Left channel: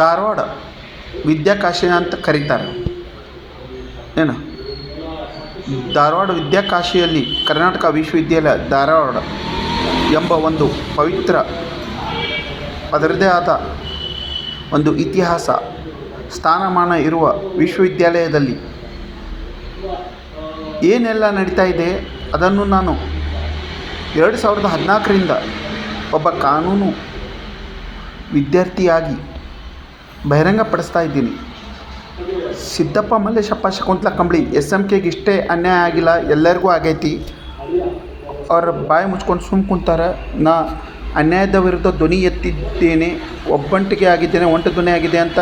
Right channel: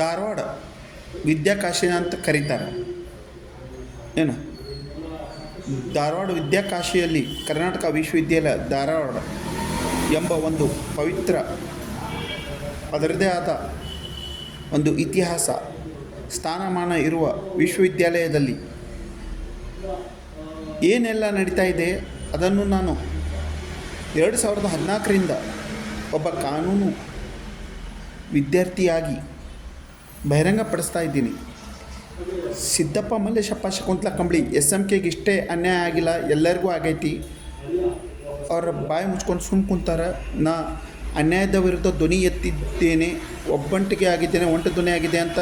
ಧಾರವಾಡ ವಿದ್ಯಾಕಾಶಿ ಅಂತ ಕರೀತಾರೆ. ಏನು ಧಾರವಾಡ ವಿದ್ಯಾಕಾಶಿಯಲ್ಲಿ ಕರ್ನಾಟಕ ವಿಶ್ವವಿದ್ಯಾಲಯ ಧಾರವಾಡ ಎಂಬ ಒಂದು ಪವಿತ್ರ ಅದರದೇ ಆದ ಒಂದು ಇತಿಹಾಸ ಸ್ಥಾನಮಾನ ಇರುವ ವಿಶ್ವವಿದ್ಯಾಲಯದಲ್ಲಿ ಏನೆಲ್ಲ ನಡೀತಾ ಇದೆ ಅದನ್ನು ನಾನು 2014ರಿಂದ ಒಬ್ಬ ಕಾನೂನು ವಿದ್ಯಾರ್ಥಿಯಾಗಿ ಬಹಿರಂಗಪಡಿಸ್ತಾ ಇದ್ದೀನಿ. ಸಿದ್ದಪ್ಪ ಮಲ್ಲೇಶಪ್ಪ ಶಕುಂತಲಾ ಕಂಬಳಿ SMKಗೆ ಇಷ್ಟೇ ಅನ್ಯಾಯ ಆಗಿಲ್ಲ, ಎಲ್ಲರಿಗೂ ಆಗೈತಿ. ಅವ್ರ ಬಾಯಿ ಮುಚ್ಕೊಂಡು ಸುಮ್ಮ ಕುಂತಾರೆ. ನಾ ಅನ್ಯಾಯದ ವಿರುದ್ಧ ಧ್ವನಿ ಎತ್ತಿದ್ದೇನೆ, ಒಬ್ಬಂಟಿಗೆ ಆಗಿದ್ದೇನೆ, ಒಂಟು ಧ್ವನಿ ಆಗಿದೆ ಅಂತ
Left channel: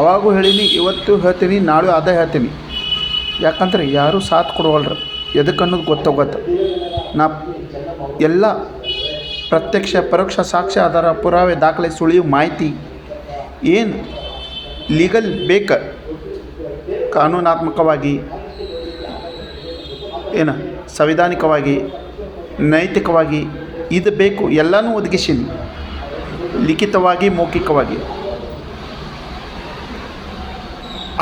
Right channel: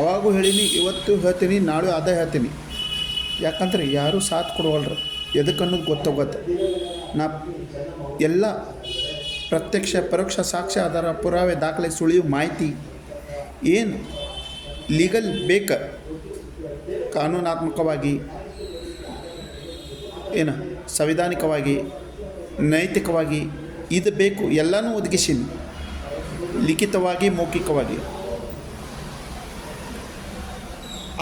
ಅವಾಗೂ ಹೇಳೀನಿ, ಇವತ್ತು ಹೇಳ್ತೀನಿ, ನಾಳೆ ಅದೇ ಹೇಳ್ತೀನಿ. ಯಾಕಂದ್ರೆ ಯಾರೂ ಸಾಥ್ ಕೊಡವಲ್ರು, ಎದಕ್ಕೆ ಅನ್ನೋದು ಗೊತ್ತಾಗತ್ತೆ. ನಾ ಎಲ್ಲ ಪ್ರತ್ಯಕ್ಷ ಪರೋಕ್ಷ ಸಾಕ್ಷ್ಯ ಆಧಾರ ಪುರಾವೆ ದಾಖಲೆ ಸುಳಿವು ಮಾಹಿತಿ ಏನು ಲೀಗಲ್ ಬೇಕು ಕಾನೂನಾತ್ಮಕವಾಗಿ ಏನು ಸಂವಿಧಾನಿಕವಾಗಿ ನೈತಿಕವಾಗಿ ಇದು ಬೇಕು ಎಲ್ಲನೂ ಒದಗಿಸೀನಿ, ಲಿಖಿತವಾಗಿ ಮೌಖಿಕವಾಗಿ.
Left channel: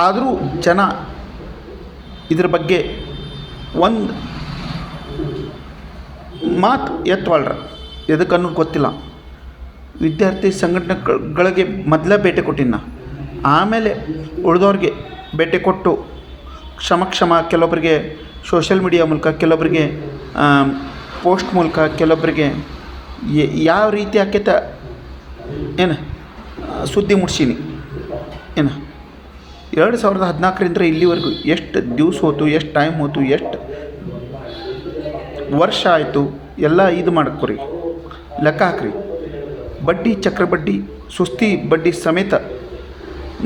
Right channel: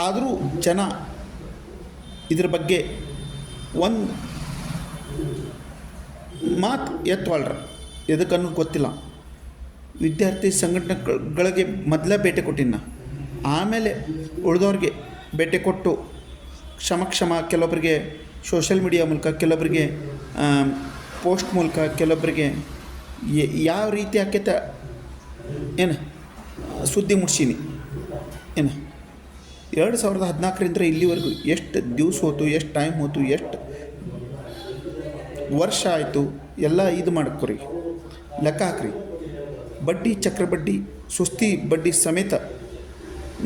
ಆದರೂ ಜನ ಇದ್ರ ಬಗ್ಗೆ ಒಂದು ಮಾತು ಎತ್ತವಲ್ರ, ಎದಕ್ಕೆ ಅನ್ನೋದು ಗೊತ್ತಿಲ್ಲ. ವಿದ್ಯಾರ್ಥಿ ಸಂಘಟನೆಗಳಿಗೆ ಮೊದಲೇ ಭೇಟಿ ಕೊಟ್ಟಿನ, ಆಮೇಲೆ ಉಳಿದವ್ರಿಗೆ ಭೇಟಿ ಕೊಟ್ಟು ಕ್ಷಮ ಕೆಲವೊಬ್ಬರಿಗೆ ಸೋಷಿಯಲ್ ಮೀಡಿಯಾ ಮೂಲಕ, ಕೆಲವೊಬ್ಬರಿಗೆ ಪೋಸ್ಟ್ ಮೂಲಕ, ಕೆಲವೊಬ್ಬರಿಗೆ ಯಾವ ರೀತಿ ಆಕೈತ ಏನು ಸುದ್ದಿ ಮುಟ್ಸೀನಿ. ಏನು 2014ರಿಂದ ಇಲ್ಲಿವರೆಗೂ ಎಷ್ಟು ದಿವಸ ಹೋಯ್ತು, ಎಷ್ಟು ಟೈಮ್ ಹೋಯ್ತು, ಎಷ್ಟು ವರ್ಷ ಆಯಿತು, ಎಲ್ಲ ಇದು ಮಾಡ್ಕೊರಿ, ಲೆಕ್ಕ ಹಾಕ್ರಿ. ಬಡ್ಡಿ ಚಕ್ರಬಡ್ಡಿ ಸುಸ್ತಿ ಬಡ್ಡಿ ಸಮೇತ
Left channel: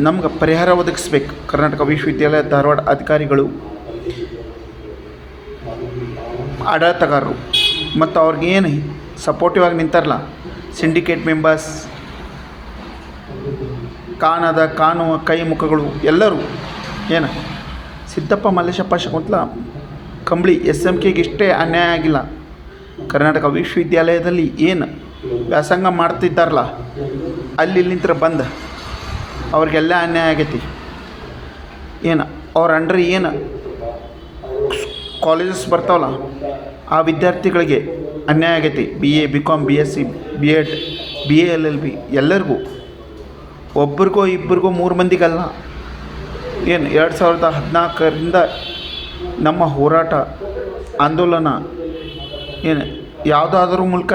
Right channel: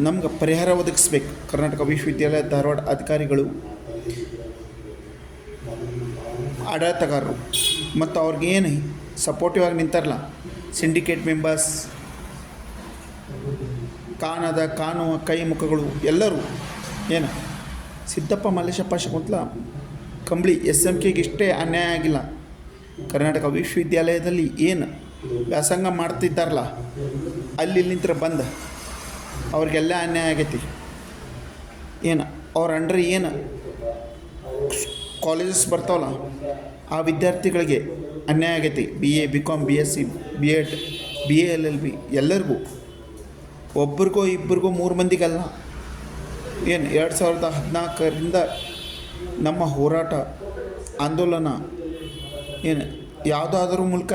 ನಮ್ಗೆ ಪರಿಹಾರ ಒದಗಿಸ್ಬೇಕು ಕರ್ನಾಟಕ ವಿಶ್ವವಿದ್ಯಾಲಯ ಧಾರವಾಡ ಅಧಿಕಾರಿಗಳು, ಆಡಳಿತಗಾರರು ಮತ್ತು ಅವ್ರಿಗೆ ಏನು ಸಪೋರ್ಟಿವ್ ಆಗಿ ನಿಂತಾರಲ್ಲ ಸಿಂಡಿಕೇಟ್ ಮೆಂಬರ್ಸ್, ಕಾಣುವ ಕೈ ಮುಖಗಳು ಎಲ್ಲರೂ. ಏನು ಸಿದ್ದಪ್ಪ ಮಲ್ಲೇಶಪ್ಪ ಶಕುಂತಲಾ ಕಂಬಳಿ SMKಗೆ ಇಷ್ಟೇ ಅನ್ಯಾಯ ಆಗಿಲ್ಲ, ಕರ್ನಾಟಕ ವಿಶ್ವವಿದ್ಯಾಲಯದಲ್ಲಿ ಏನು ವ್ಯಾಸಂಗ ಮಾಡ್ತಿದ್ದಾರಲ್ಲ ಅಲ್ಲಿ ನಿಂತರ ಬಂದು ಅವ್ರಿಗೆಲ್ಲ ಅನ್ಯಾಯ ಆಗೈತಿ. ಏನು ಅವ್ರ ಅಂಡ್ರೆ ಏನು ಕಾಲೇಜಸ್ ಬರ್ತಾವಲ್ಲ ಆ ವಿದ್ಯಾರ್ಥಿಗಳಿಗೆ ಅನ್ಯಾಯ ಆಗೈತಿ. BA BCom BSc B.Ed BA LLB ಎಲ್ಲರಿಗೂ, ಒಬ್ರಿಗೋ ಇಬ್ಬರಿಗೋ 3 ಮಂದಿಗಲ್ಲ. ಏನು 2014ರಿಂದ ನಮ್ಮ ಹೋರಾಟ ಆಂದೋಲನ ಏನು ಯಾವುದಾದ್ರೂ ಮೂಲಕ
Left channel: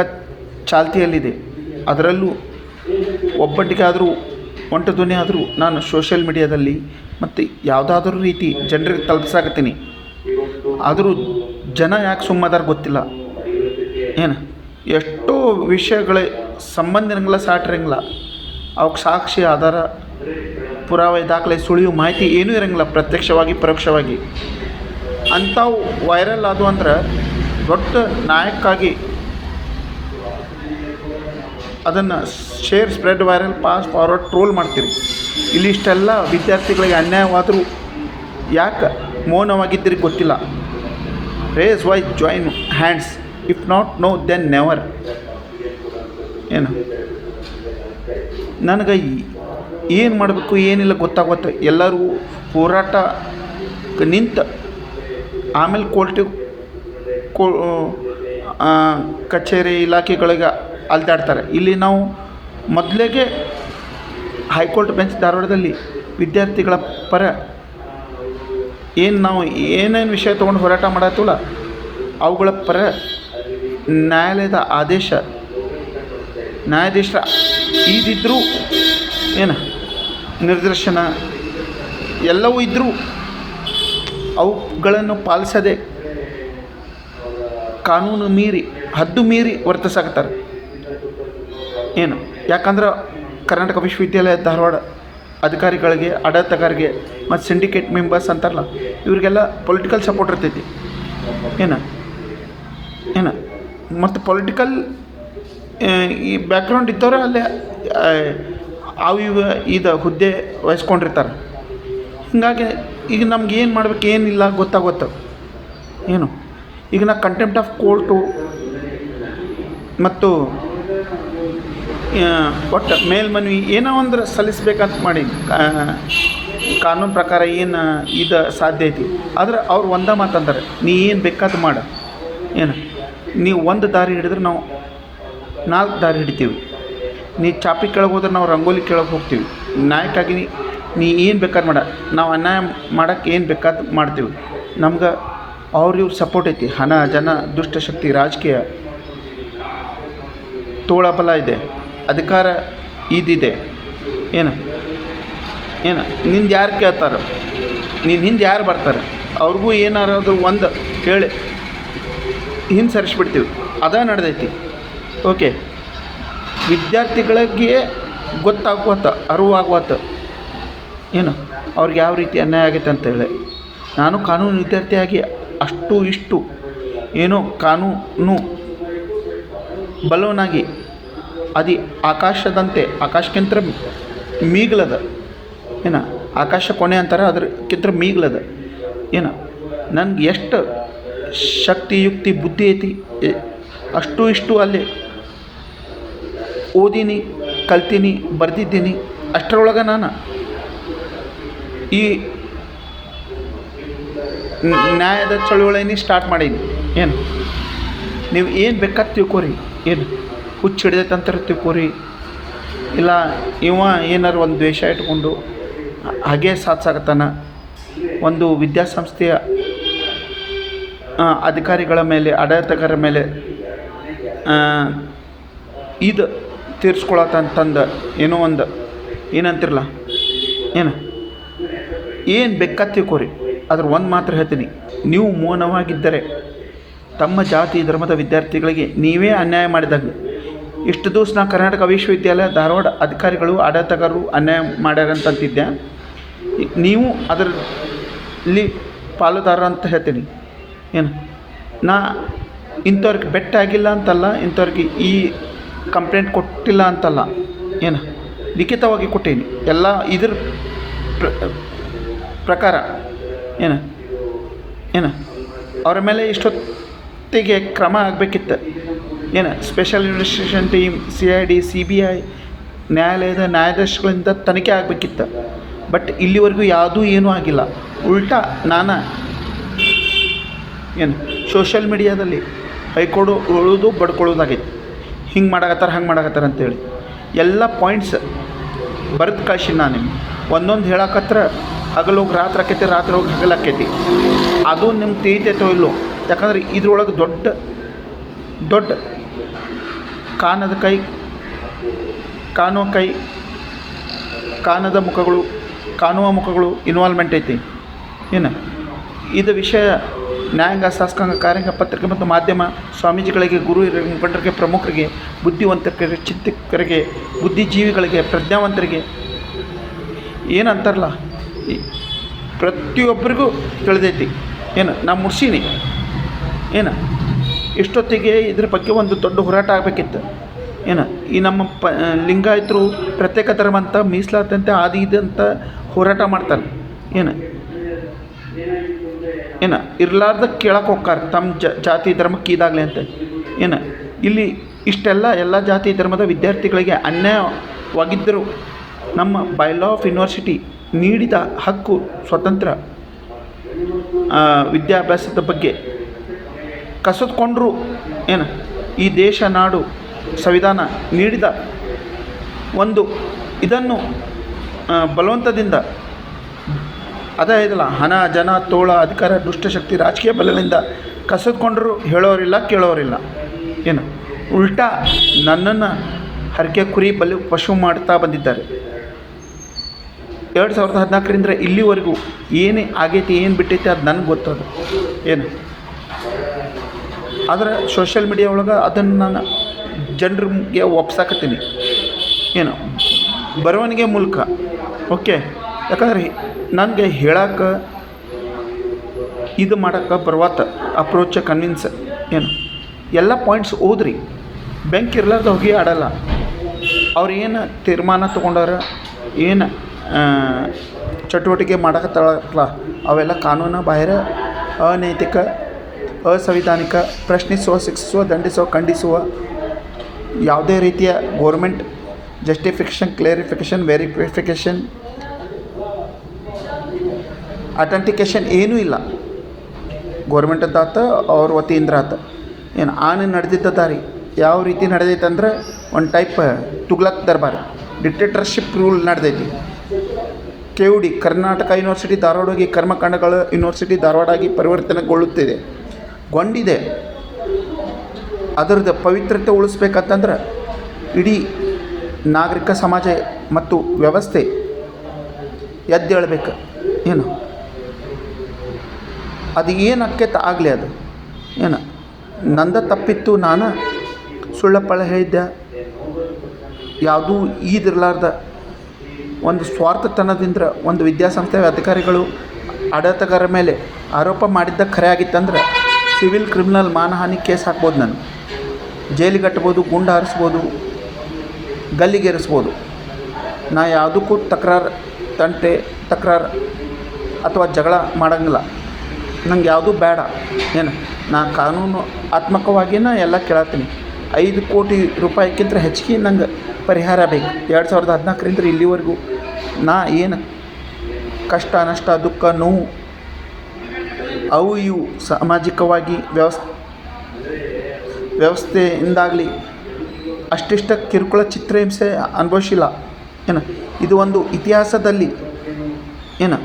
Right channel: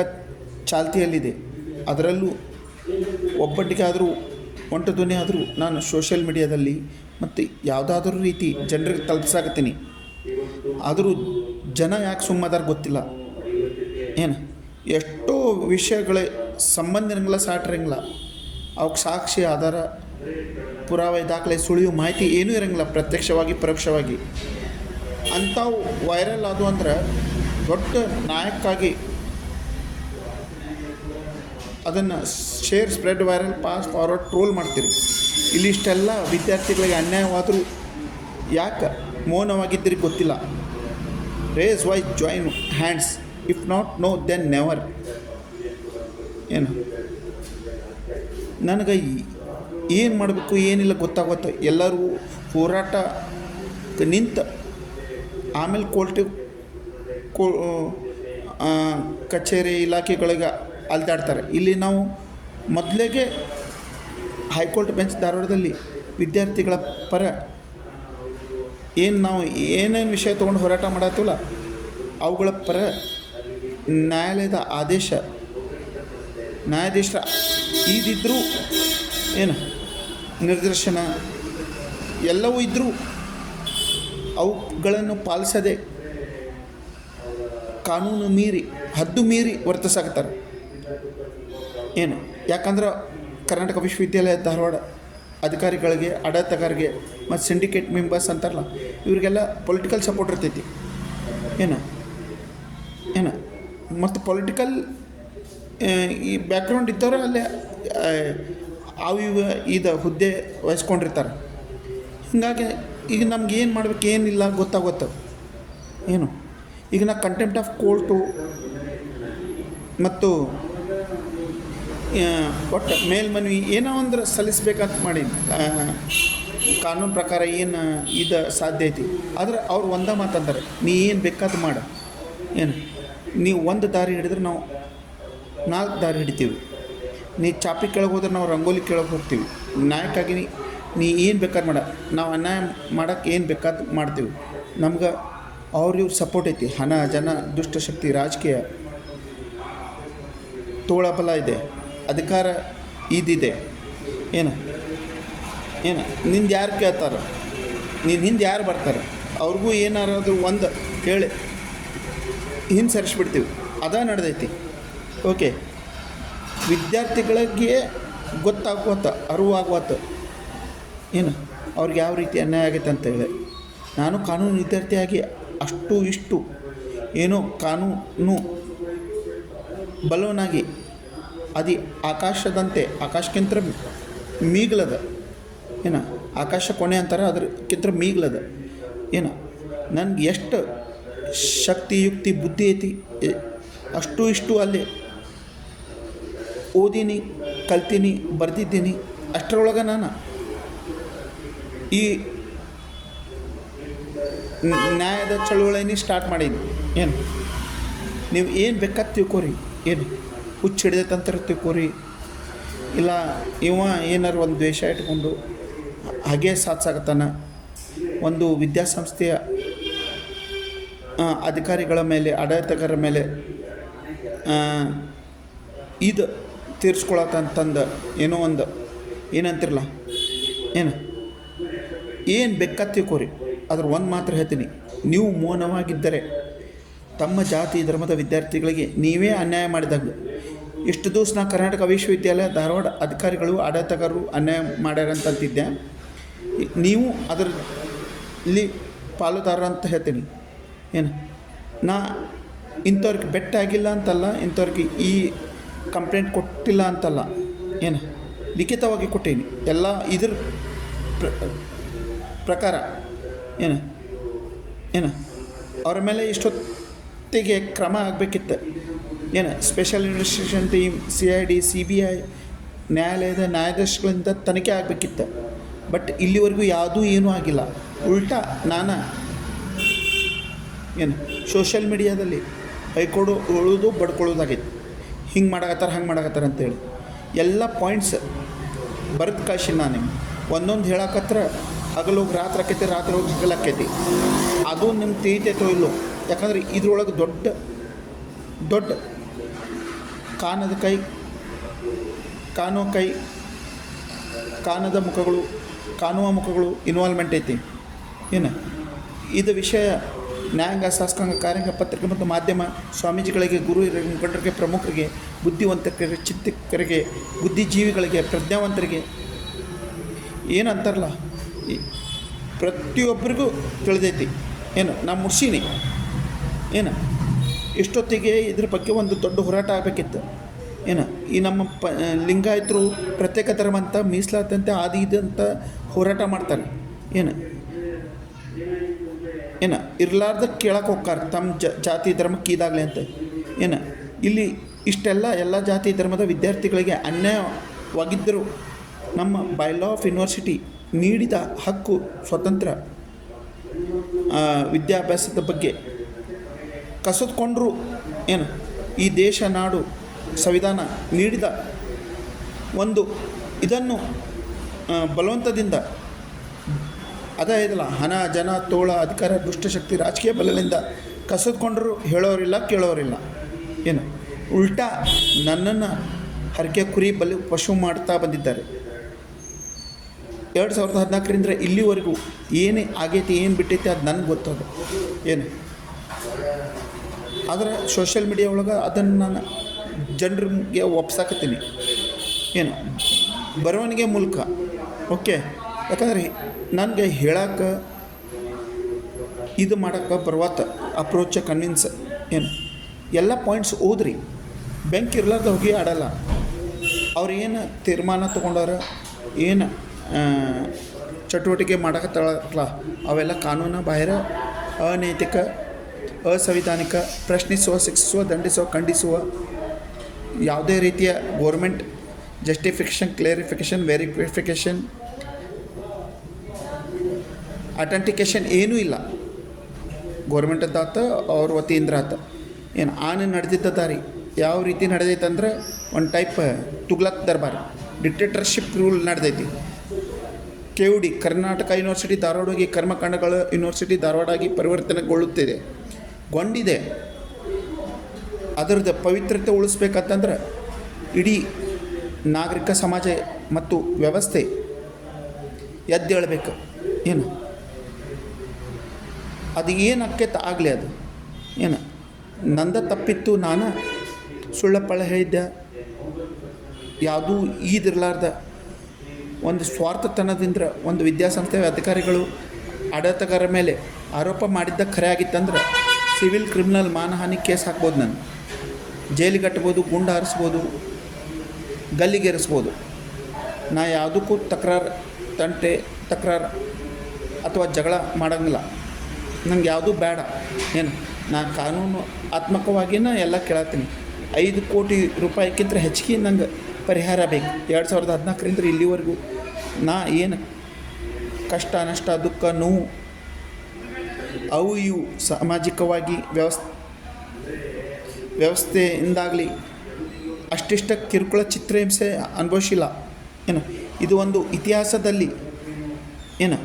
ಚಾಲ್ತಿಯಲ್ಲಿದೆ. ಅದರಲ್ಲೂ ಒಬ್ಬಟ್ಟಿಗೆ ಆದರೂ ಒಂಟು ಧ್ವನಿ ಆದರೂ ನಾನು ಸೋಷಿಯಲ್ ಮೀಡಿಯಾದಲ್ಲಿ ಮತ್ತು ಯಾವುದಾದ್ರೂ ರೀತಿ ಜನರಿಗೆ ತಲುಪಿಸಾಕತ್ತೀನಿ. ಆದರೂ ಜನ ಯಾಕೆ ಸುಮ್ಮದಾರ ಗೊತ್ತಿಲ್ಲ. ಏನು ಎಷ್ಟೋ ವಿಷಯಗಳ ಸಂಬಂಧ ಇರಂಗಿಲ್ಲ, ಸಾಟಿರಂಗಿಲ್ಲ, ಅವಕ್ಕೆ ಸಾಕ್ಷಿ ಆಧಾರ ಪುರಾವೆ ದಾಖಲೆ ಸುಳಿವು ಮಾಹಿತಿ ಏನೂ ಇರೋಂಗಿಲ್ಲ, ಪ್ರತ್ಯಕ್ಷವಾಗಿ ಪರೋಕ್ಷವಾಗಿ. ಅಂಥವು ವೈರಲ್ ಆದವು ಅಂದ್ರೆ ದೊಡ್ಡ ನಾಯಕ್ಕಾಗಿ ಅದನ್ನು share spread viral pass forward troll ಮಾಡ್ತೀರಿ. ಇಲ್ಲಿಷ್ಟೆಲ್ಲ ವಿದ್ಯಾರ್ಥಿಗಳಿಗೆ ಅನ್ಯಾಯವಾದರೂ ಯಾಕೆ ಮೌನವಾಗಿದ್ದೀರಿ ಗೊತ್ತಿಲ್ಲ. Raise why join hands, if not now then never. ಏನು ನನಗೆ ಏನು ಮಾಡಬೇಕು ಏನಿಲ್ಲ ಗೊತ್ತಾಗುತ್ತೆ. ಎಲ್ಲರೂ ಹೋರಾಟ ನಿಂತ ಆಮೇಲೆ ಕಚೇರಿ ಇಲಾಖೆಗಳಿಗೆ ಅಲ್ದಾಡ್ತಾರೆ. ಇಲ್ಲಿ ನಾವು ಮೊದಲಿಗೆ ಹೈಕೋರ್ಟ್ ಬೆಂಚ್ ಧಾರವಾಡದಲ್ಲಿ ವಿದ್ಯಾರ್ಥಿಗಳ ಪರ ಏನು ನಾವು ಏನೇನು ವಿಷಯ ತೊಗೊಂಡು ಹೋರಾಟ ಮಾಡತ್ತಲ್ಲ ಅವುಗಳ ಪರ ನ್ಯಾಯಾಲಯದ ನ್ಯಾಯಾಧೀಶರ ಇದಿದ್ದರೂ ಏನು ನಿರ್ದೇಶನ ಎಲ್ಲವೂ ಇದ್ದರೂ ಅವುಗಳನ್ನು ಪಾಲಿಸದೆ ಕಾನೂನು ಮೀರಿ ಹದ್ದು ಮೀರಿ ವರ್ತಿಸಾಕತ್ತಾರೆ. ಏನು ಯಾಕಂದ್ರೆ ಕರ್ನಾಟಕ ವಿಶ್ವವಿದ್ಯಾಲಯ ಧಾರವಾಡ ಅಧಿಕಾರಿಗಳಿಗೆ, ಆಡಳಿತಗಾರರಿಗೆ ಮತ್ತು ಸಿಂಡಿಕೇಟ್ ಮೆಂಬರ್ಸ್ ಅಂತಾರಲ್ಲ ಇವರಿಗೆಲ್ಲ ಪೊಲಿಟಿಕಲ್ ಸಪೋರ್ಟ್ ಇರ್ತೈತಿ. ಏನು ಮತ್ತು ಪೊಲಿಟಿಕಲ್ ಈ ಬ್ಯಾಕ್ಗ್ರೌಂಡ್ ಇದ್ದವ್ರೆ ಅಲ್ಲೇ ಇದು ಹುದ್ದೆ ವಹಿಸ್ಕೊಂಡಿರ್ತಾರೆ. ಹೀಗಾಗಿ ಈಗ ನಮ್ಗೆ ಏನು ಮಾಡ್ಬೇಕು ಏನಿಲ್ಲ ಗೊತ್ತಾಗುತ್ತೆ. ಏನು ಈಗ ನಾ ಕಂಟೆಂಪ್ಟ್ ಆಫ್ ಕೋರ್ಟು ಮತ್ತು ಒಟ್ಟು ಮೇಲ್ಮನವಿ ಏನೋ ಒಂದು ಸಲ್ಲಿಸ್ಬೇಕಂತ ಮಾಡಿ ಕಾನೂನು ಪ್ರಕಾರ ಏನು ಇದು ಸಾಧ್ಯ ಐತಿ. ಆದ್ರೆ ಅವ್ರು ಒಂದೇ ಮಾತಂತಾರೆ, ನೀ ಏನು ಬೇಕಾದ ಮಾಡು, ಏನು ನೀವು ಒಂದು ದಾರಿ ಹಿಡಿದ್ರೆ ನಾವು 4 ದಾರಿ ಹಿಡಿತೀವಿ, ನೀ ಚಾಪಿ ಕೆಳಗೆ ಹೋದ್ರೆ ನಾವು ರಂಗೋಲಿ ಕೆಳಗೆ ಹೋಗ್ತೀವಿ, ನ್ಯಾಯಕ್ಕಾಗಿ ನೀ ಏನು ಬೇಕಾದ್ರೆ ಮಾಡ, ನಾವು ಅನ್ಯಾಯ ಮಾಡೋಕ್ಕೆ ಏನು ಬೇಕಾದ ಮಾಡ್ತೀವಿ. ನಮ್ಗೆ ಇವ್ರ ಸಪೋರ್ಟ್ ಐತಿ. ಹಣ, ಜನ, ದುಷ್ಟಶಕ್ತಿ, ರಾಜಕೀಯ, ತೋಳಬಲ ಇದೆ, ಅಧಿಕಾರ ಇದಿದೆ. ಏನು ನಿಂದು ಯಾರು ಕೇಳ್ತಾರೆ, ನೀನು ಹಿಂದೆ ಯಾರು ಬರ್ತಾರೆ, ಅವ್ರಿಗೂ ಏನಾರೋದು ಒಂದು ಹೇಳಿ ಹಿಂದೆ ಸರಿಸ್ಬಿಡ್ತೀವಿ. ಅದ ನಡೆದೈತಿ. ಓಕೆ, ವಿದ್ಯಾರ್ಥಿಗಳಿಗೆ ಗೊತ್ತಾಗುವತ್ತ, ಅರಿವಾಗುವತ್ತ ಏನು ಅವ್ರಿಗೆ ಯಾವ ರೀತಿ ಅನ್ಯಾಯ ಆಗೈತೆ ಅಂತೇಳಿ. ನಾನು ಕಾನೂನು ವಿದ್ಯಾರ್ಥಿಯಾಗಿ ಅಷ್ಟು ಇಷ್ಟು ಏನೋ ಕಾನೂನು ಬಲವನಾಗಿ ಅದು ಆಕಾಶದಂತೆ, ಆಕಾಶಕ್ಕಿಂತ ಮೀಗ್ಲದ, ಏನು ಆಕಾಶ ಕೊನೆ ಅಂತಾರೆ, ಅದಕ್ಕಿಂತ ಮೀಗ್ಲದ. ಏನು ನನಗೆ ಎಷ್ಟು ಶಕ್ತಿ, ಯುಕ್ತಿ, ಬುದ್ಧಿ ಐತಿ ಅಷ್ಟು ಇಷ್ಟು ಅಲ್ಲಿ ಓದೀನಿ, ಕಲ್ತೀನಿ, ಬರೆದಿದ್ದೀನಿ. ಅಷ್ಟರೊಳಗೆ ನಾನು ಈ ನ್ಯಾಯದ ಚಳುವಳಿನೇ ಸ್ಟಾರ್ಟ್ ಮಾಡೀನಿ. ಏನು ನೀವು ಏನು ಬೇಕಾದ ತಿಳ್ಕೊರಿ, ಏನು ಹುಚ್ಚು ಹಿಡಿದೈತೆ ಅಂತಾರೆ ತಿಳ್ಕೊರಿ, ಇಲ್ಲ ಏನಾರು ಒಂದು ದ್ವೇಷ ಇಟ್ಕೊಂಡು ಹಾಗೇ ಸಾಧಿಸಾಕತ್ತಾನ, ಒಂದು ವಿದ್ಯಾಸಂಸ್ಥೆಯ ಅಧಿಕಾರಿಗಳ ಮೇಲೆ, ಆಡಳಿತಗಾರರ ಮೇಲೆ ಇದು ತೀರಿಸ್ಕೊಳತ್ತಂತಂದು ಏನೋ ಒಂದು ಏನಂತಿರಲ್ಲ, ಏನು ಬೇಕಾದ ತಿಳ್ಕೊರಿ. ಅದ್ರ ಒಂದು ಮಾತ್ರ ಹೇಳ್ತೀನಿ, ನೀವು ಮೌನವಾಗಿದ್ದರೆ ತಮ್ಮ ಜಾತಿ ಧರ್ಮದ ವಿದ್ಯಾರ್ಥಿಗಳಿಗೆ ನೀವೇ ಅನ್ಯಾಯ ಮಾಡಿದಾಗ. ಇಷ್ಟು ದಿವಸ ನಾ ಕರ್ನಾಟಕ ವಿಶ್ವವಿದ್ಯಾಲಯ ಧಾರವಾಡ ಅಧಿಕಾರಿಗಳು, ಆಡಳಿತಗಾರರು ಅನ್ಯಾಯ ಮಾಡ್ಯಾರಂತಿದ್ದೆ. ನೀವು ಅದರಲ್ಲಿ ಪಾಲುದಾರ ಅಂತ ಹೇಳ್ತೀನಿ. ಏನು ನಾ ಇಂಥವ್ರಿಗೆ ಬೆಟ್ಟ ಆಗಿಲ್ಲ ಅಂತಲ್ಲ, ಇಂಥವ್ರಿಗೆ ಈ ಕಂಪ್ಲೇಂಟ್ ಕೊಟ್ಟಿಲ್ಲ ಅಂತಲ್ಲ, ಏನು ಲಿಖಿತವಾಗಿ ಕೊಟ್ಟೀನಿ. ಎಲ್ಲ ಇದ್ರ ಪ್ರಕಾರ ಏನು ಅವರ ಮೇಲೆ ಇಷ್ಟೊತ್ತಿಗೆ ಕ್ರಮ ಆಗಬೇಕಿತ್ತು. Special investigation team, CID, CBI, ನ್ಯಾಯಾಲಯದ ನ್ಯಾಯಾಧೀಶಗಳಿಂದ ತನಿಖೆ ಆಗಬೇಕಿತ್ತು. ಬಟ್ ಇಲ್ಲಿವರೆಗೂ ಯಾವುದೂ ಏನೂ ಆಗಿಲ್ಲ. ಉಲ್ಟಾ ನಾನು ಸೋಷಿಯಲ್ ಮೀಡಿಯಾದಲ್ಲಿ ಬೈಕೊಳ್ಳೋದು ಬಡ್ಕೊಳ್ಳೋದಾಗೈತಿ. ಹಿಂಗೆ ಮಾಡಕತ್ತಾರೆ, ಹಂಗೆ ಮಾಡಕತ್ತಾರೆ ಅಂತೇಳಿ ಎಲ್ಲ ಪಾಯಿಂಟ್ಸ್ ಬರೆದು ಕಳ್ಸಿ. ನಾನು ನಿಮ್ಗೆ ಒಂದೊಂದು ಹೇಳಕತ್ರ ಹಗಲೋಗಿ ರಾತ್ರಿ ಆಕೈತಿ, ರಾತ್ರಿ ಹೋಗಿ ಹಗಲಾಕೈತಿ. ಅದು ನಿಮ್ಗೆ ತಿಳಿತೈತೋ ಇಲ್ಲೋ. ಯಾಕಂದ್ರೆ ಇದ್ರೊಳಗೆ ದೊಡ್ಡ ಕಾನದ ಕೈ, ಕಾನದ ಮುಖಗಳು, ಕಾಣುವ ಮುಖಗಳು ಇನ್ವಾಲ್ವ್ಮೆಂಟ್ ಐತಿ. ಇದು ವಿಷಯ ನ್ಯಾಯಾಂಗ, ಶಾಸಕಾಂಗ, ಕಾರ್ಯಾಂಗ, ಪತ್ರಿಕೆ ಮತ್ತು ಮಾಧ್ಯಮ, ಸ್ವಾಮೀಜಿಗಳಿಗೆ, ಗುರು ಹಿರಿಯ ಮುಖಂಡರಿಗೆ, ಪ್ರಮುಖರಿಗೆ, ಬುದ್ಧಿವಂತರಿಗೆ, ಚಿಂತಕರಿಗೆ, ಬುದ್ಧಿಜೀವಿಗಳಿಗೆ, ಪ್ರಜ್ಞಾವಂತರಿಗೆ, ಏನಂತಾರಲ್ಲ, ಪ್ರತಿಯೊಬ್ಬರಿಗೂ ತಿಳಿದೈತಿ. ನಾ ಮುರ್ಸೀನಿ. ಇಷ್ಟೊತ್ತಿಗೆ ಇದ್ರ ಬಗ್ಗೆ ಒಂದು ದೊಡ್ಡ ಹೋರಾಟ ಆಗಬೇಕಿತ್ತು. ಈ ನಮ್ಮ ಲಿಂಗಾಯತರು ಪ್ರತ್ಯೇಕ ಧರ್ಮ ಅಂತ, ಮೀಸಲಾತಂತೆ, ಆದಿ ಇದಂತ ಹೋರಾಟ ಮಾಡ್ತಾರೆ. ಇರ್ಲಾರ್ದ ಕೇಳಕ್ಕೆ ಹೋಗ್ತಾರೆ ತಮ್ಮ ಜಾತಿ ಧರ್ಮಕ್ಕೆ ಇದಾಗಲಿ ಅಂತ. ಇಲ್ಲಿ ಇಷ್ಟೆಲ್ಲ ಎಲ್ಲ ಜಾತಿ ಧರ್ಮದ ವಿದ್ಯಾರ್ಥಿಗಳಿಗೆ ಅನ್ಯಾಯವಾಗಿದ್ದರೂ ನಮ್ಮ ಬೈಲಾ ಆಫ್ ಯೂನಿವರ್ಸಿಟಿ ನೀಡಿದ ಹಕ್ಕು, ಸ್ವತಂತ್ರ ವಿದ್ಯಾಭ್ಯಾಸದ ಬಗ್ಗೆ ಕಸಿದುಕೊಂಡ್ರು. ಈ ದೇಶ, ನಾಡು, ಸಂವಿಧಾನ ನೀಡಿದ ಒಂದು ಇದನ್ನು ಬಲವಂತದಿಂದ ಅದೇ ಇದಲ್ಲ, ಹಣ, ಜನ, ತೋಳ, ಅಧಿಕಾರ, ದುಷ್ಟಶಕ್ತಿ, ರಾಜಕೀಯ ಬಲದಿಂದ ಕಸಿದುಕೊಂಡ್ರು ಹೇಳೋರಿಲ್ಲ, ಕೇಳೋರಿಲ್ಲ. ಉಲ್ಟಾ ನನ್ನನ್ನು ಹರಕೆ ಕುರಿ ಬಲಿ ಪಶು ಮಾಡ್ತಾ ಬಂದಿದ್ದಾರೆ. 2014ರಿಂದ ಇಲ್ಲಿವರೆಗೂ ಏನೇ ಆಗೈತಿ, ಏನು ಬಿಟ್ಟೈತಿ ಅದು ನನಗೆ ಗೊತ್ತದು. ಆದರೆ ಸೋಷಿಯಲ್ ಮೀಡಿಯಾ ಒಳಗೆ ಅದನ್ನು ನಾನು ಜನರಿಗೆ ಒಪ್ಸಾಕತ್ತೀನಿ. ಬರವಣಿಗೆ ಮೂಲಕ. ಓಕೆ, ಯಾಕಂದ್ರೆ ನನಗೆ ಹೇಳಕ್ಕೆ, ಇದು ಮಾಡೋಕ್ಕೆ ಬರುವತ್ತ ಅಪ್ರೋಚ್, ಕನ್ವಿನ್ಸ್, ಎಲ್ಲ ಪಾಯಿಂಟ್ಸ್ ಓದ್ರಿ. ಬೆಂಕಿ ಇರ್ಲಾರ್ದು ಹೋಗಿ ಆಡಲ್ಲ. ಅವ್ರು ಏನು ತೀರ್ಮಾನ ತೊಗೊಂಡಾರ, ಏನು ಚಟುವಟಿಕೆ ಮಾಡಕತ್ತಲ್ಲ, ಅವೆಲ್ಲ ಕಾನೂನು ಬಾಹಿರ, ಅನೈತಿಕ, ಅಸಂವಿಧಾನಿಕ, ಪ್ರಶ್ನಿಸುವ, ಶಿಕ್ಷಿಸುವ, ದಂಡಿಸುವ, ಖಂಡಿಸುವ, ಯಾವುದೇ ರೀತಿಯ ಗೋರ್ಮೆಂಟ್ ಜಸ್ಟಿಫಿಕೇಷನ್, ಕ್ಲೇರಿಫಿಕೇಷನ್, ವೆರಿಫಿಕೇಷನ್, ಅಥೆಂಟಿಕೇಷನ್ ಏನೂ ಇಲ್ಲ. ಗೋರ್ಮೆಂಟದ್ದು ಆತ ಅವ್ರ ವತಿಯಿಂದ ಆತ. ಏನು ಆನೆ ನಡೆದಿದ್ದ ದಾರಿ ಯಾವ ರೀತಿ ನಡೆದೈತೆ ಅಂದ್ರೆ ಒಂದು ಟೈಪ್ ತುಗ್ಲಕ್ ದರ್ಬಾರ್, ಡಿಕ್ಟೇಟರ್ಶಿಪ್ ರೂಲ್ ನಡೆದೈತಿ. KUD ಕರ್ನಾಟಕ ಯೂನಿವರ್ಸಿಟಿ ಧಾರವಾಡ ಕರ್ಮಕಾಂಡಗಳ ಯೂನಿವರ್ಸಿಟಿ ಧಾರವಾಡ ಆಗಿ ಪರಿವರ್ತನೆಗೊಳ್ಳುತ್ತಿದೆ, ಗೊಂಡಿದೆ. ಅದರದ್ದು ಪವಿತ್ರತೆ ಉಳಿಸ್ಬೇಕಂತಂದ್ರೆ ಇಡೀ ನಾಗರಿಕ ಸಮಾಜ ಮತ್ತು ವ್ಯವಸ್ಥೆ ಎದ್ದೇಳಬೇಕು. ಏನು ಅದು ಏನು ಅಕ್ಕೇತ ಆಗಲಿ, ಅದು ಏನು ನಂದ ತಪ್ಪಿತ್ತು, ನಾನು ಸುಳ್ಳಪ್ಪಳ ಹೇಳಿದ್ದೆ, ಯಾವುದೂ ಈದಿರಲಾರ್ದ ಒಂದು ಸ್ವಾರ್ಥತನದಿಂದ ಒಂದು ವಿದ್ಯಾಸಂಸ್ಥೆ ಅಧಿಕಾರಿಗಳು ಆಡಳಿತಗಾರರ ಮೇಲೆ ಆರೋಪ ಮಾಡಿದ್ದ ಖರೆ ಆಗಿತ್ತಂದ್ರೆ ಸಿವಿಲ್ ಕ್ರಿಮಿನಲ್ ಮಾನಹಾನಿ ಕೇಸ್ ಹಾಕ್ಬೋದು, ನಾನು ಜೈಲಿಗೆ ಕಟ್ಬೋದು, ಗುಂಡು ಹಾರಿಸ್ಬೋದು, ಗಲ್ಲಿಗೇರಿಸ್ಬೋದು. ನಾ ಯಾವುದಕ್ಕೂ ತಕರಾರು ಅಥವಾ ಜಗಳ ಮಾಡೋಂಗಿಲ್ಲ. ನಂಗೆ ಯಾವುದೂ ಬೇಡ. ಏನು ನಾ ಕಾನೂನು ಆತ್ಮಕವಾಗಿಯೇ ಎಲ್ಲ ಕೇಳತ್ತೀನಿ. 5 ಕೋಟಿ ರೂಪಾಯಿಗಿಂತ ಹೆಚ್ಚಿಗೆ ನಂಗೆ ಪರಿಹಾರ ಬೇಕು. 2014ರಿಂದ ಇಲ್ಲಿವರೆಗೂ ನಾ ಏನು ಕಷ್ಟ, ನಷ್ಟ, ದುಃಖ, ನೋವು ಅವು ಇವು ಸಾಮಾಜಿಕವಾಗಿ ವ್ಯವಸ್ಥೆಯಿಂದಾಗಲಿ ಅಷ್ಟಿಷ್ಟ ಕಿರುಕುಳ ಚಿತ್ರಹಿಂಸೆ ಅನುಭವಿಸಿಲ್ಲ. ಏನು ಇದು ಒಂದು ಇತಿಹಾಸದಲ್ಲಿ ಏನು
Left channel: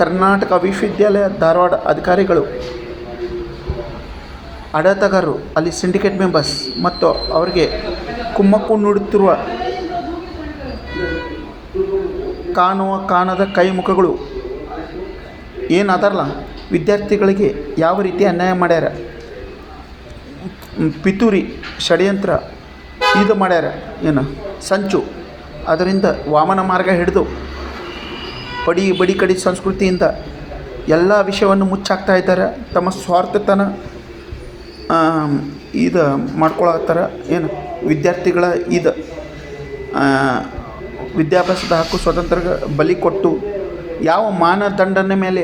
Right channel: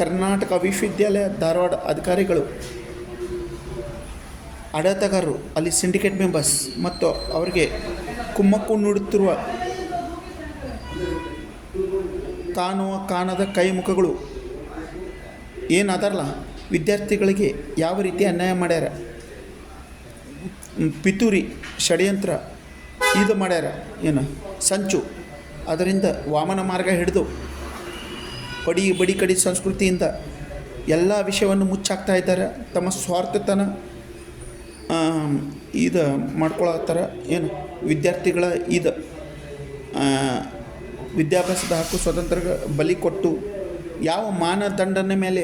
ಕರ್ನಾಟಕ ವಿಶ್ವವಿದ್ಯಾಲಯ ಧಾರವಾಡ ಅಧಿಕಾರಿಗಳು, ಆಡಳಿತಗಾರರು, ಅಲ್ಲಿ ಸಿಂಡಿಕೇಟ್ ಮೆಂಬರ್ಸ್ ಮತ್ತು ಅವರಿಗೆ ಕುಮ್ಮಕ್ಕು ನೀಡುತ್ತಿರುವ ಕಾಣದ ಕೈ ಮುಖಗಳು ಏನಾದರಲ್ಲ, ವಿದ್ಯಾರ್ಥಿಗಳಿಗೆ ಯಾವ ರೀತಿ ಅನ್ಯಾಯ ಮಾಡ್ಯಾರ, ಪಿತೂರಿ ಷಡ್ಯಂತ್ರ ಇದು ಮಾಡ್ಯಾರ, ಏನು ಸಂಚು, ಅದರಿಂದ ವಾಮನ ಮಾರ್ಗ ಹಿಡಿದು ಬಡಿ ಕಡಿ ಸಂಸ್ಕೃತಿಯಿಂದ ಎಲ್ಲ ವಿಷಯವನ್ನು ಮುಚ್ಚಾಕ್ತಾ ಇದ್ದಾರೆ. ತಮ್ಮ ಸ್ವಾರ್ಥತನ ಇದು ಮಾಡ್ಕೊಳತ್ತಾರ. ಏನು ವಿದ್ಯಾರ್ಥಿಗಳ ಇದು ವಿದ್ಯಾಭ್ಯಾಸದ ಹಕ್ಕು ಸ್ವತಂತ್ರ ಬಲಿ ಕೊಟ್ಟು ಯಾವ ಮಾನದಂಡನ ಮೇಲೆ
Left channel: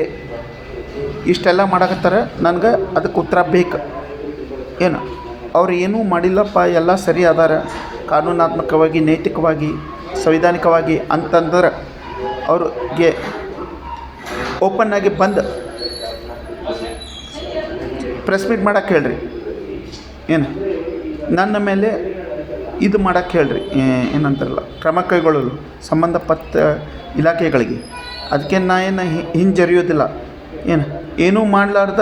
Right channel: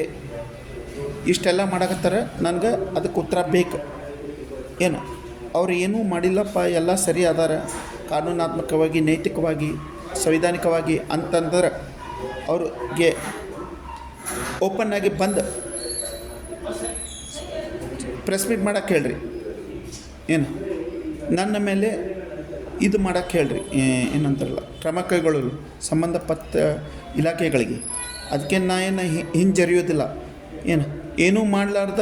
ಇಷ್ಟೆಲ್ಲ ಮಾಡಕತ್ತಾರ, ನನಗೆ ಅದಕ್ಕೆ ಉತ್ತರ ಬೇಕು. ಏನು ಅವ್ರು ಏನೂ ಮಾಡಿಲ್ಲಪ್ಪ, ಎಲ್ಲ ಸರಿ ಅದಾರ ಕಾನೂನಾತ್ಮಕವಾಗಿ, ನೈತಿಕವಾಗಿ, ಸಂವಿಧಾನಿಕವಾಗಿ ಅಂತಂದ್ರೆ ಅವ್ರಿಗೆ ಓಪನ್ನಾಗಿ ಬಂದು ಪ್ರೆಸ್ ಮೀಟ್ ಮಾಡೋಕ್ಕೆ ಹೇಳ್ರಿ. ಏನು ನನ್ನ ಮೇಲೆ ಇದು ಮಾಡೋಕ್ಕೆ ಹೇಳ್ರಿ, ಏನಂತಾರಲ್ಲ ಕ್ರಮ ಕೈಗೊಳ್ಳಲು ಸಂಬಂಧಪಟ್ಟ ಇಲಾಖೆಗಳಿಗೆ. ಅದಕ್ಕೆ ನಾ ಏನು ಹಿಂಜರಿಯೋದಿಲ್ಲ. ಏನೂ ಮಾಡಲಾರ್ದ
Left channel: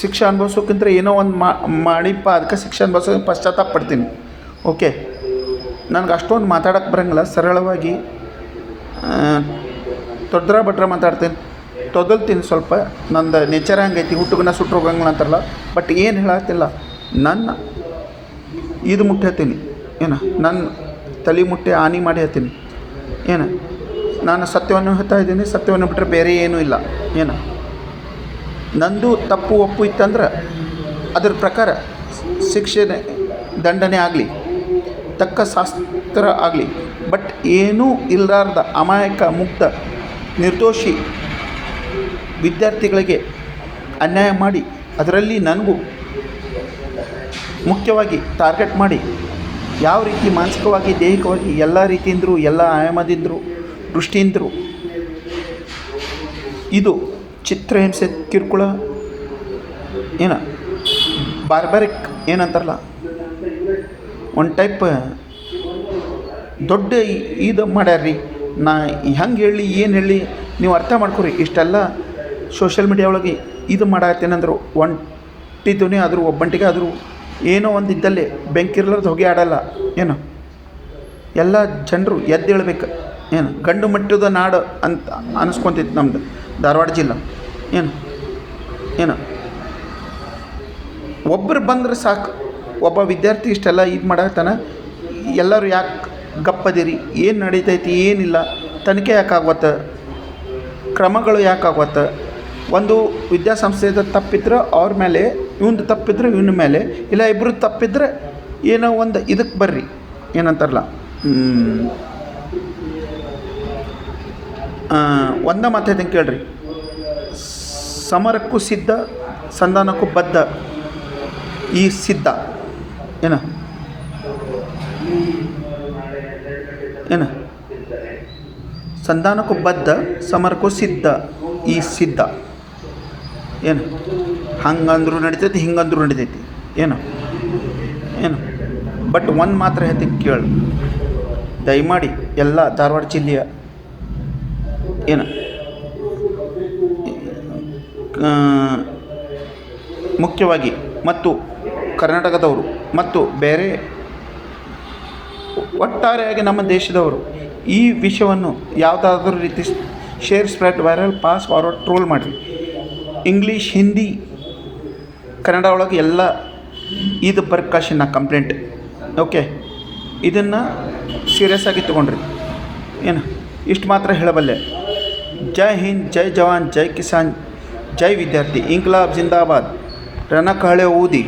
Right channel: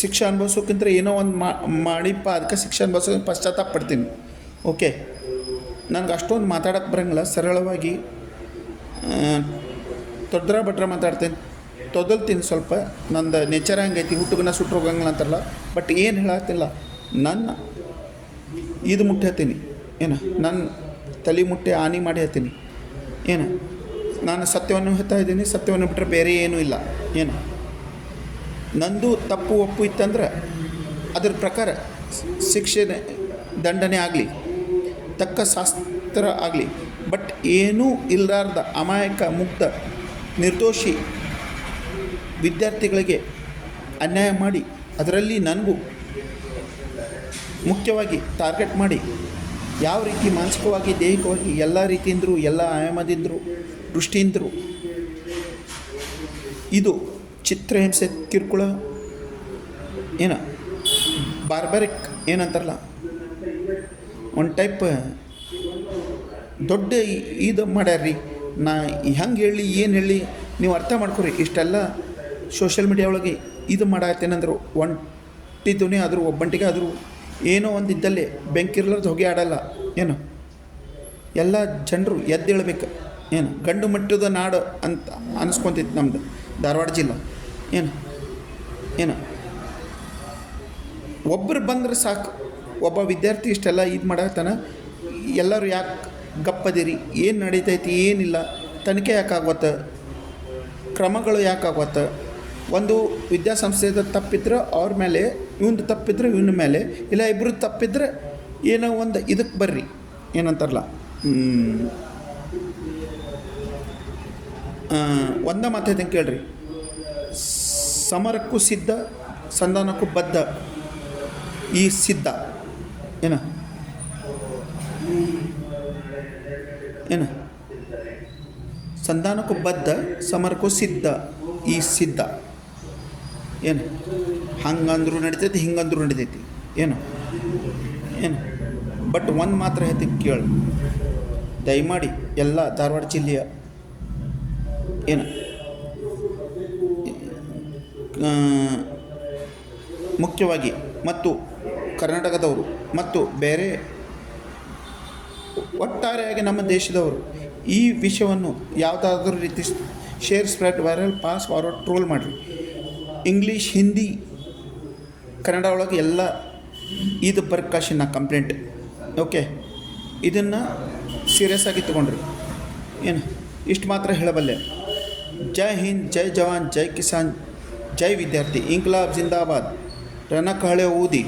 ಶಿಕ್ಷೆ ಅನುಭವಿಸೋಕ್ಕಿಂತ ಏನೋ ಒಂದು ಮಾಡಿಪ್ಪ ಅದಕ್ಕೆ ಶಿಕ್ಷೆ ಅನುಭವಿಸೋಕೆ ಪಶ್ಚಾತ್ತಾಪ ಪಡ್ತೀನಿ. ಓಕೆ, ನನಗೆ ಅಷ್ಟೊಂದು ಮಾತಾಡೋಕ್ಕೆ ಬರೋಂಗಿಲ್ಲ. ಸರಳವಾಗಿ ಬಡ್ರ ಮಾತಾಡ್ತೀನಿ, ತೊದಲ್ತೀನಿ ಸ್ವಲ್ಪ. ನಂದು ನೇಚರ್ ಹಂಗೈತಿ, ಹುಟ್ಟುಗನ ಸುಟ್ಟು ಹೋಗಂಗಿಲ್ಲ ಅಂತಾರಲ್ಲ. ಬಟ್ ಏನು ಹೇಳತ್ತಿಲ್ಲ, ನನ್ನ ಇದು ಮುಟ್ಟಿ ಹೇಳ್ತೀನಿ. ನನ್ನ ತಲೆ ಮುಟ್ಟಿ ಹಾನಿ ಮಾಡಿ ಹೇಳ್ತೀನಿ. ನಾನು ಸತ್ಯವನ್ನು ಹೇಳ್ತಾ ಇದ್ದೀನಿ, ಸತ್ಯವನ್ನು ಬಿಟ್ಟರೆ ಬೇರೆ ಏನೂ ಇಲ್ಲ. ನಂದು ತಪ್ಪು ಒಪ್ಪು ಇತ್ತಂದ್ರೆ ಅದ್ರ ಪ್ರಕಾರ ಶಿಕ್ಷೆ ದಂಡನೆ ಆಗಲಿ, ತಕ್ಕ ಶಾಸ್ತ್ರ ಆಗಲಿ. ಬಟ್ ಏನೂ ಇಲ್ಲಾರ್ದ ಅಮಾಯಕ ಮುಕ್ತ ನಿರ್ದೋಷಿ ವಿದ್ಯಾರ್ಥಿಗಳಿಗೆ ಅನ್ಯಾಯ ಮಾಡಿ, ಅದರಲ್ಲಿ ನನಗೂ ಮುಖ್ಯವಾಗಿ ಟಾರ್ಗೆಟ್ ಮಾಡಿ ಯಾವ ರೀತಿ ಮಾನಸಿಕವಾಗಿ, ದೈಹಿಕವಾಗಿ ಎಲ್ಲ ರೀತಿಯಿಂದರು, ಎಲ್ಲ ಆಯಾಮದಿಂದರು, ದೃಷ್ಟಿಯಿಂದರು ಇದು ಚಿತ್ರಹಿಂಸೆ, ಕಿರುಕುಳ, ಬಾರ್ಬರಿಕ್ ಏನಂತಾರಲ್ಲ, ಒಂದು ಟೈಪ್ ದೊಡ್ಡ ಇದು ಮಾಡ್ಯಾರ್ರಿ. ನಾ ಹೆಂಗೆ ಹೇಳಿ, ಏನು ಹೇಳಿ, ನೀವು ಅರ್ಥ ಮಾಡ್ಕೊರಿ. ಇಷ್ಟೆಲ್ಲ ಸೋಷಿಯಲ್ ಮೀಡಿಯಾ ಒಳಗೆ ಇದು ಮಾಡತ್ತೇನಂದ್ರು ಒಂಟಿದ್ದನೇ ಆದರೂ ಒಬ್ಬಂಟಿಗೆ ಆದರೂ ಏನೋ ಒಂದು ಇದ್ದಲ್ಲಿ ಬೆಂಕಿರ್ಲಾರ್ದು ಹೊಗೆ ಆಡಲ್ಲ. ಎಲ್ಲ ಜನರು ಎದ್ದೇಳಬೇಕು. ಗಂಡು ಮಟ್ಟದ ನಾಡು ಅಂತ ಅನಿಸ್ಕೊತಿತ್ತು ನಮ್ಮದು ಧಾರವಾಡ ಜಿಲ್ಲೆ. ಒಬ್ಬರು ಬಂದ್ರೆ ಸಾಕು, ಒಬ್ಬ ವಿದ್ಯಾರ್ಥಿ ಇಷ್ಟೆಲ್ಲ ಇದು ಮಾಡತ್ತಾನ, ಎಲ್ಲರೂ ಯಾಕೆ ಗಪ್ಪದಿರಿ, ಏನು ನಡೀತೈತಿ, ಏನಿಲ್ಲ, ತನಿಖೆ ಯಾಕಾಗತ್ತೆ, ಕ್ರಮಗಳು ಯಾಕಾಗತ್ತೆ. ಒಂದು ವಿದ್ಯಾಸಂಸ್ಥೆದ ತಪ್ಪಿದ್ರೆ ಅವ್ರ ಮೇಲೆ, ಇವಂದು ತಪ್ಪಿದ್ರೆ ಇವನ ಮೇಲೆ, ಇಲ್ಲ ಇಬ್ಬರು ತಪ್ಪಿದ್ರೆ ಏನೋ ಒಂದು ಇದಕ್ಕೆ ಬರ್ರಿ, ಏನಂತಾರಲ್ಲ, ಒಂದೇ ಮಾತೈತೆ ಕೇಳ್ರಿ. ಸಮರಕ್ಕೂ ಸಿದ್ಧ, ಸಂಧಾನಕ್ಕೂ ಬದ್ಧ ಈ ಸಿದ್ಧ. ಏನ ಏನು ಸಂಧಾನಕ್ಕೂ ಬದ್ಧ ಸಮರಕ್ಕೂ ಸಿದ್ಧ. ಈ ಸಿದ್ಧ ಏನು ಹಂಗಂದ್ರೂ ನಡಿತೈತಿ ಹಿಂಗಂದ್ರೂ ನಡಿತೈತಿ ಏನು ಏನು ಬಟ್ ಒಂದು ಮಾತ್ರ ಹೇಳ್ತೀನಿ ಕೇಳು, ದಯಮಾಡಿ ಎಲ್ಲ ಧಾರವಾಡ ಜಿಲ್ಲೆಯ ಏನು ಮುಖ್ಯವಾಗಿ ಮತ್ತು ಕರ್ನಾಟಕದವರು ಮತ್ತು ಬೇರೆ ಒಟ್ಟಾರೆಯಾಗಿ ನಮ್ಮ ದೇಶದವರು ಈ ವಿಷಯವನ್ನು ಯಾವುದಾದ್ರೂ ರೀತಿ share, spread, viral, pass, forward, troll ಮಾಡಿರಿ. ಇಂಗ್ಲೀಷ್, ಹಿಂದಿ, ಕನ್ನಡ ಒಳಗೆ ಎಲ್ಲ ಇದು ಬರ್ಕಾಶಿನ ಕಂಪ್ಲೇಂಟ್. ಓಕೆ, ಇದನ್ನು ಸೀರಿಯಸ್ ಆಗಿ ತೊಗೊಂಡ್ರಿ. ಏನು ಇಷ್ಟು ಮಾತ್ರ ಹೇಳಬಲ್ಲೆ. ಜೈ ಹಿಂದ್, ಜೈ ಜವಾನ್, ಜೈ ಕಿಸಾನ್, ಜೈ ವಿದ್ಯಾರ್ಥಿ, ಇಂಕ್ಲಾಬ್ ಜಿಂದಾಬಾದ್, ರಣಕಹಳೆ ಊದಿ.